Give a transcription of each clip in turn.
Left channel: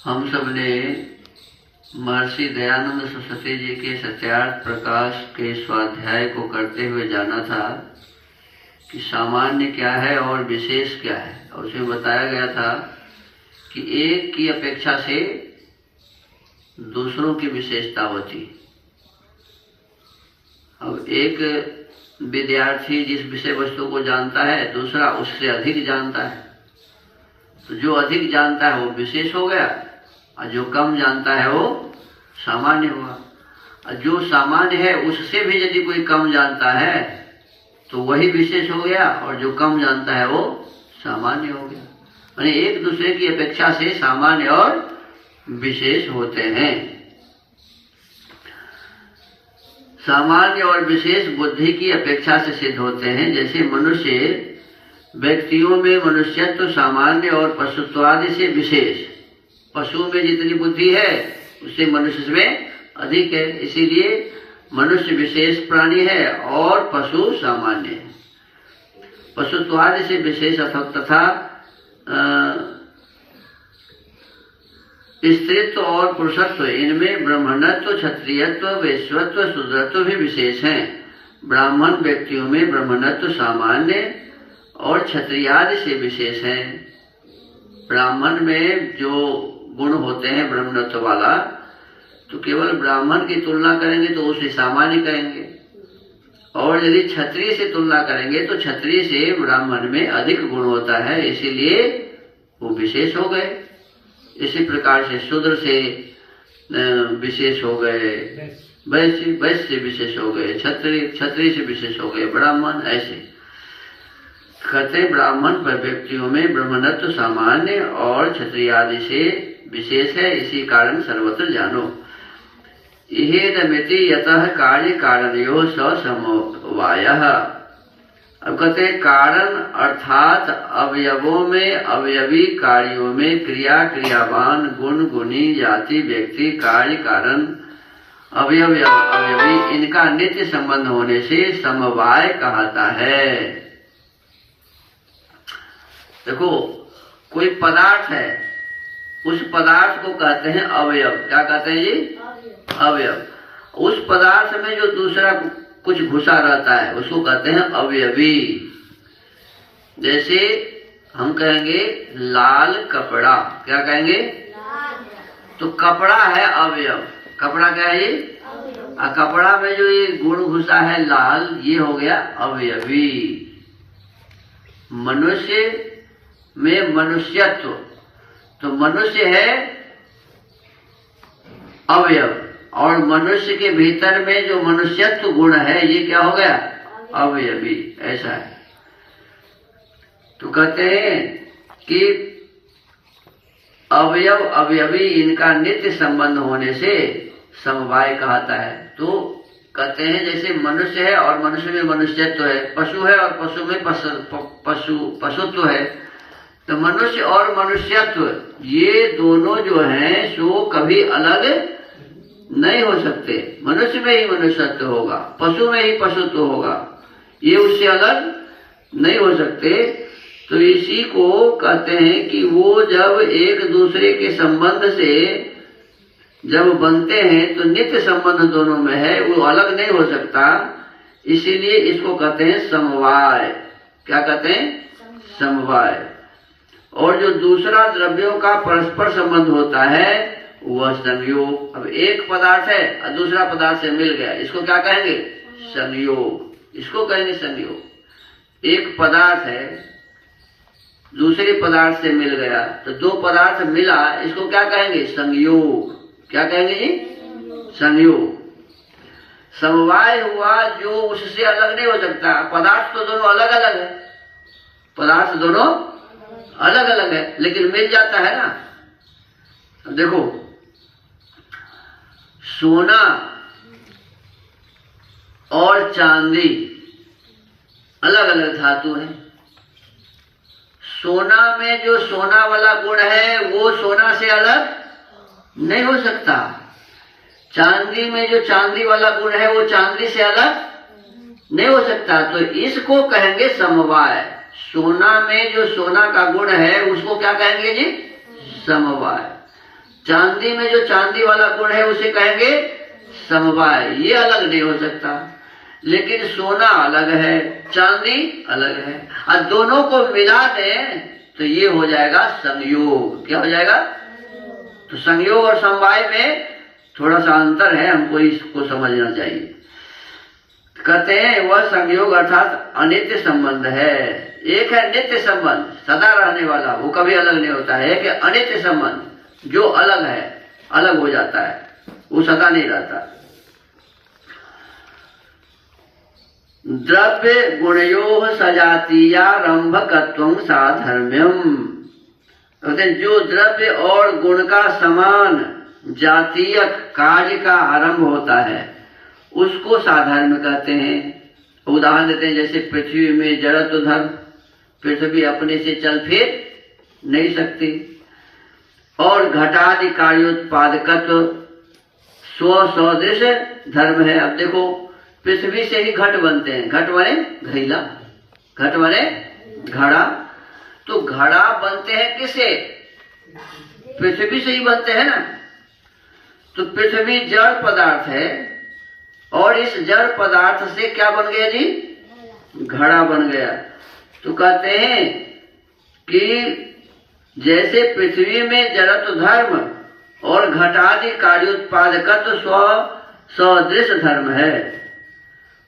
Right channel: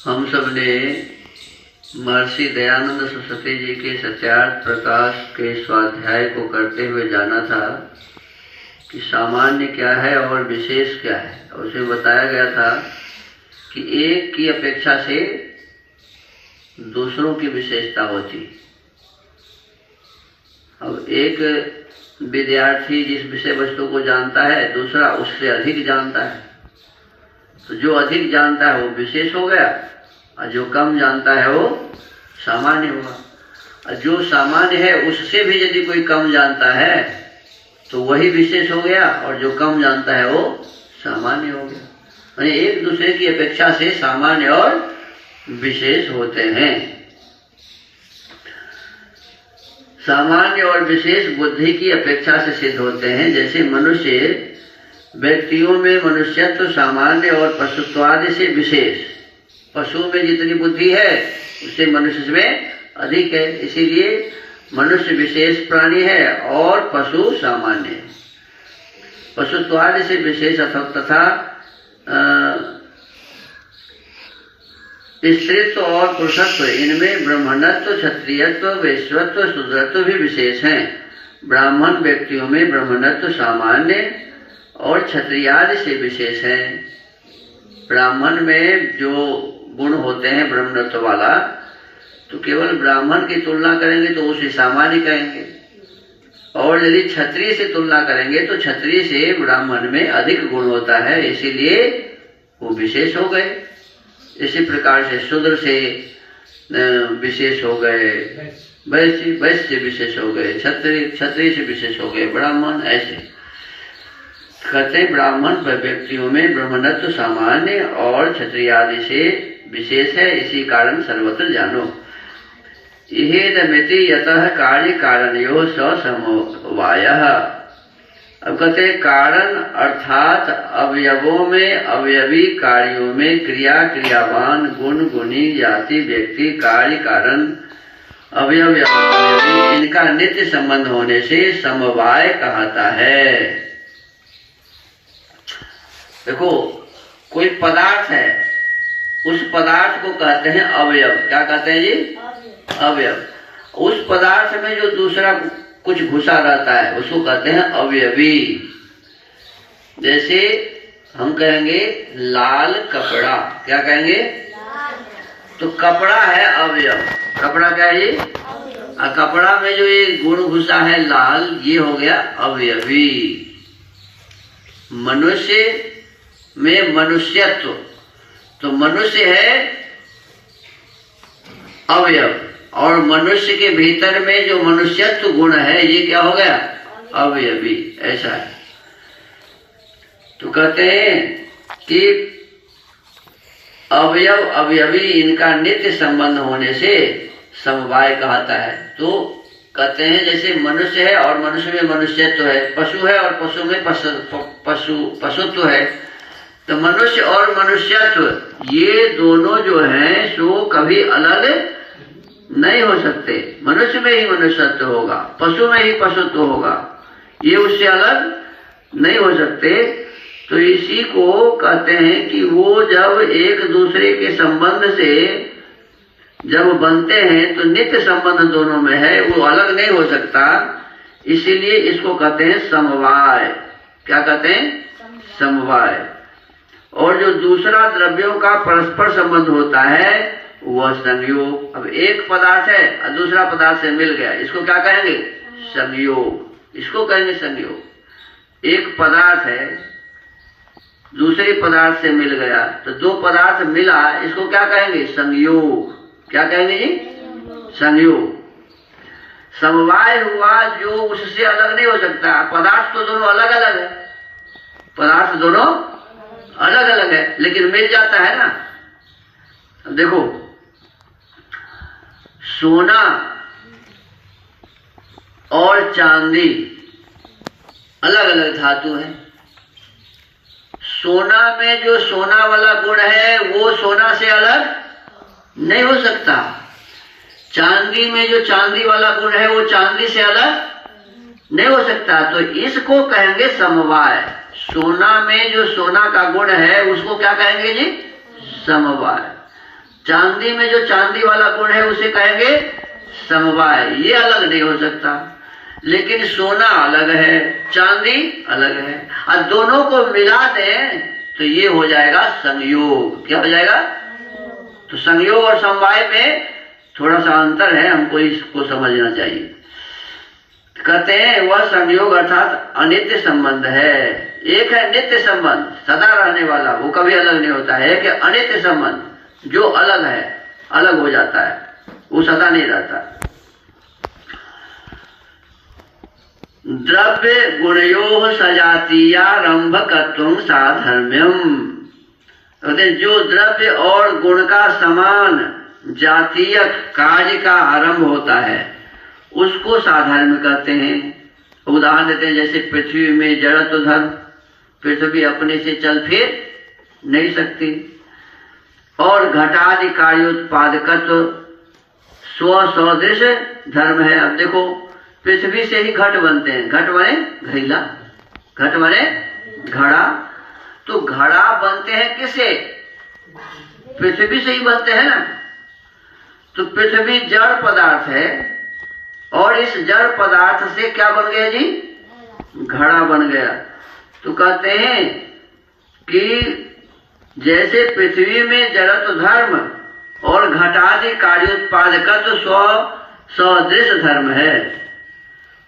हम सब ने महर्षि दयानंद सरस्वती जी के सत्यार्थ प्रकाश के स्वाध्याय को करते हुए जाना था कि सामान्य क्या है और विशेष क्या है। और उसमें बताया गया था कि एक की अपेक्षा से दूसरों की विशेषता होती। अब एक विद्यार्थी जिस विषय वस्तु को जानता है, दूसरा उससे अधिक जानता है, तो जो अधिक जानता है वो विशेष हो गया और जो कम जानता है वो सामान्य हुआ। और जो सामान्य है उससे भी यदि कोई कम जानता है तो वही विशेष हो गया, और जो कम जानता है वो सामान्य हो गया। यानी एक दूसरे की अपेक्षा से सामान्य और विशेष होते हैं। सामान्य और विशेष बुद्धि की अपेक्षा से सिद्ध होते हैं। जैसे मनुष्य व्यक्तियों में मनुष्यत्व सामान्य और पशुत्वादि से विशेष। पशु में जितनी बुद्धि है उससे मनुष्य में अधिक है, इसीलिए मनुष्य विशेष प्राणी है और पशु सामान्य है। पशुत्वादि से विशेष तथा स्त्रीत्व और पुरुषत्व, इनमें ब्राह्मणत्व, क्षत्रियत्व, वैश्यत्व, शूद्रत्व भी विशेष हैं। ब्राह्मण व्यक्तियों में ब्राह्मणत्व सामान्य और क्षत्रियादि से विशेष है। ब्राह्मण में जो गुण होते हैं ब्राह्मणत्व वाला, तो केवल ब्राह्मण की तुलना करेंगे तो उसे सामान्य कहेंगे, और यदि क्षत्रिय से तुलना करेंगे तो क्षत्रिय से ब्राह्मण में अधिक गुण होता है, इसीलिए वो विशेष हो गए। इसी प्रकार से शूद्र से विशेष हो गए, वैश्य से विशेष हो गए, क्षत्रिय से विशेष हो गए, ब्राह्मण। ऐसे कहते ब्राह्मण व्यक्तियों में ब्राह्मणत्व सामान्य और क्षत्रिय आदि से विशेष है, इसी कारण सर्वत्र जानो। इहेदमिति यतः कार्य कारणयोः समवायः। अब कहते हैं कारण अर्थात अवयवों में अवयवी, कार्यों में क्रिया क्रियावान, गुण गुणी, जाति व्यक्ति, कार्य कारण, अवयव अवयवी, इनका नित्य संबंध होने से समवाय कहता है। देखो, कोई पदार्थ है, उस पदार्थ को कहते हैं अवयव। क्या कहते हैं जी? अवयव। उस पदार्थ में जो दूसरा कुछ घुसा रहता है उसको कहते हैं अवयवी। जैसे हम कहेंगे लाल कपड़ा, क्या कहेंगे? तो कपड़ा है अवयव। कपड़ा क्या है ये? कपड़ा में जो ये गुण घुसा है लाल, ये हो गया अवयवी। मनुष्य में मनुष्यत्व, तो मनुष्य है अवयव, और मनुष्य के भीतर में जो मनुष्यत्व गुण है ये क्या हो गया? अवयवी। ऐसा है। तो कहते हैं कि अवयव अवयवी, इनका नित्य संबंध होने से समवाय कहता है। तो कहते हैं जैसे मनुष्य है और मनुष्य में मनुष्यत्व है, पशु है और पशु में पशुत्व है, तो मनुष्य और मनुष्यत्व ये दोनों जो हैं सो कभी अलग नहीं हो सकते। मनुष्य में ही मनुष्यत्व होगा, पशु में ही पशुत्व होगा, ये उससे अलग नहीं हो सकते। तो इसी को कहते हैं कि वो जब एक दूसरे के संबंध से जब बनते हैं तो नित्य संबंध दोनों में है, वो अलग नहीं हो सकता। इसीलिए इसको कहते हैं समवाय। क्या कहते हैं? समवाय। और जो दूसरा द्रव्यों का परस्पर संबंध होता है वह संयोग। अब एक पदार्थ है और दूसरा पदार्थ से मिल गया, इसको क्या कहेंगे? संयोग। इसको कहेंगे संयोग। एक पदार्थ है दूसरे पदार्थ से मिल गया, तो दो पदार्थ मिला, इसको क्या कहेंगे? संयोग। क्या कहेंगे जी? संयोग। समवाय हुआ जो उससे अलग नहीं हो सकता। पदार्थ तो दोनों अलग अलग है, पदार्थ दोनों अलग अलग है, लेकिन मिल जाता है ना। देखो, सोना और चांदी अलग अलग धातु है। सोना में जो सोना वाला गुण है वो सोना से अलग नहीं हो सकता। चांदी में जो चांदी वाला गुण है वो चांदी से अलग नहीं हो सकता। तो इसको कहेंगे समवाय। सोना में जो सोना का गुण है उसको क्या कहेंगे जी? समवाय। चांदी में जो चांदी वाला गुण है उसे कहेंगे समवाय, ये अलग नहीं हो सकता। लेकिन सोना अलग है, चांदी अलग है, और दोनों को मिला दें तो ये हो जाएगा संयोग। क्या हो जाएगा? तो संयोग और समवाय में थोड़ा सा अंतर है, हमको इसको समझना चाहिए। कहते हैं वह संयोग अर्थात अनित्य संबंध है। एक है नित्य संबंध, सदा रहने वाला, वो कभी अलग नहीं होता है। कि अनित्य संबंध जो अलग है, अलग हो जाता है, वो सदा नहीं रहता। द्रव्य गुणयोः सजातीयारंभकत्वं साधर्म्यम्। जो द्रव्य और गुण का समान जातीय कार्य का आरंभ होता है उसको साधर्म कहते हैं। उदाहरण देते हैं, जैसे पृथ्वी में जड़त्व धर्म, पृथ्वी अपने से चल फिर नहीं सकती। और घटादि कार्योत्पादकत्व स्वसदृश धर्म है। अब देखो, पृथ्वी से ही घट बनते हैं, घट बने घैला, घट बने घड़ा। तो घड़ा बनते हैं किससे? पृथ्वी से ही बनते हैं ना। तो पृथ्वी जड़ पदार्थ है, और इस जड़ पदार्थ से क्या बन गया जी? घड़ा बन गया। तो कहते हैं कि जैसे पृथ्वी में जड़त्व धर्म और घटादि कार्योत्पादकत्व सदृश धर्म है,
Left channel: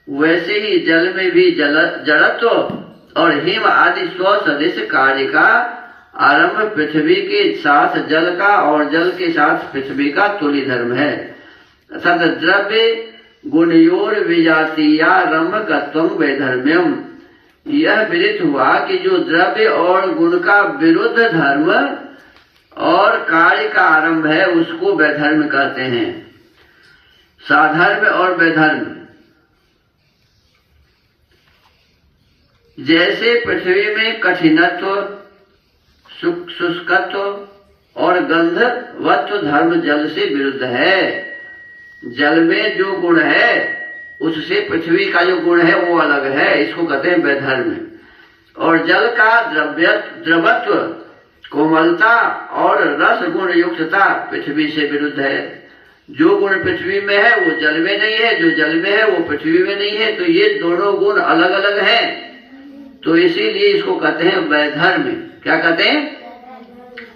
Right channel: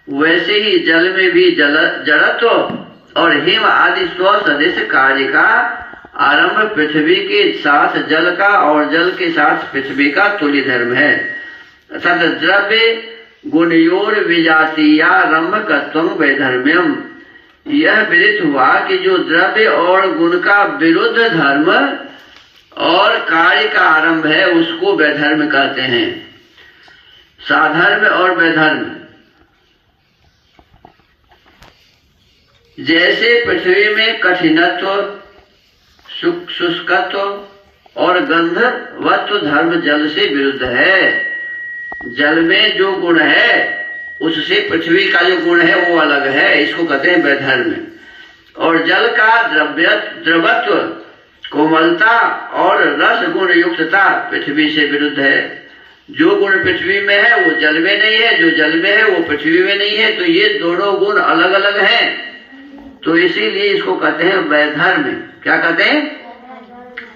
वैसे ही जल में भी जड़त्व और हिम आदि स्वसदृश कार्य का आरंभ पृथ्वी के साथ जल का और जल के साथ पृथ्वी का तुल्य धर्म है। अर्थात द्रव्य गुणयोर विजातीयारंभकत्वं वैधर्म्यम। यह विदित हुआ कि जो द्रव्य और गुण का विरुद्ध धर्म और कार्य का आरंभ है उसको वैधर्म कहते हैं। साधर्म और वैधर्म, जैसे पृथ्वी में कठिनत्व, शुष्कत्व और गंधवत्व धर्म जल से विरुद्ध है। जल में जो गुण है उससे पृथ्वी का जो गुण है वो अलग है, इसको कहते हैं वैधर्म। और जल का द्रवत्व, कोमलता और रस गुण युक्तता पृथ्वी से विरुद्ध है। जो गुण पृथ्वी में है वो जल में नहीं है, जो जल में है वो पृथ्वी में नहीं है। तो ये दोनों गुण अलग अलग हैं, तो इसीलिए इसको कहते हैं वैधर्म। क्या कहते हैं?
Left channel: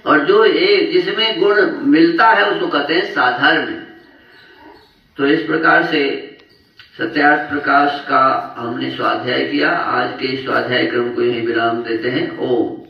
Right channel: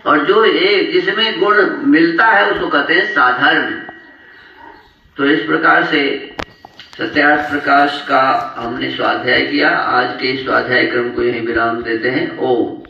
और जो एक जिसमें गुण मिलता है उसको कहते हैं साधर्म। तो इस प्रकार से सत्यार्थ प्रकाश का हमने स्वाध्याय किया। आज के स्वाध्याय क्रम को यहीं विराम देते हैं। ओम।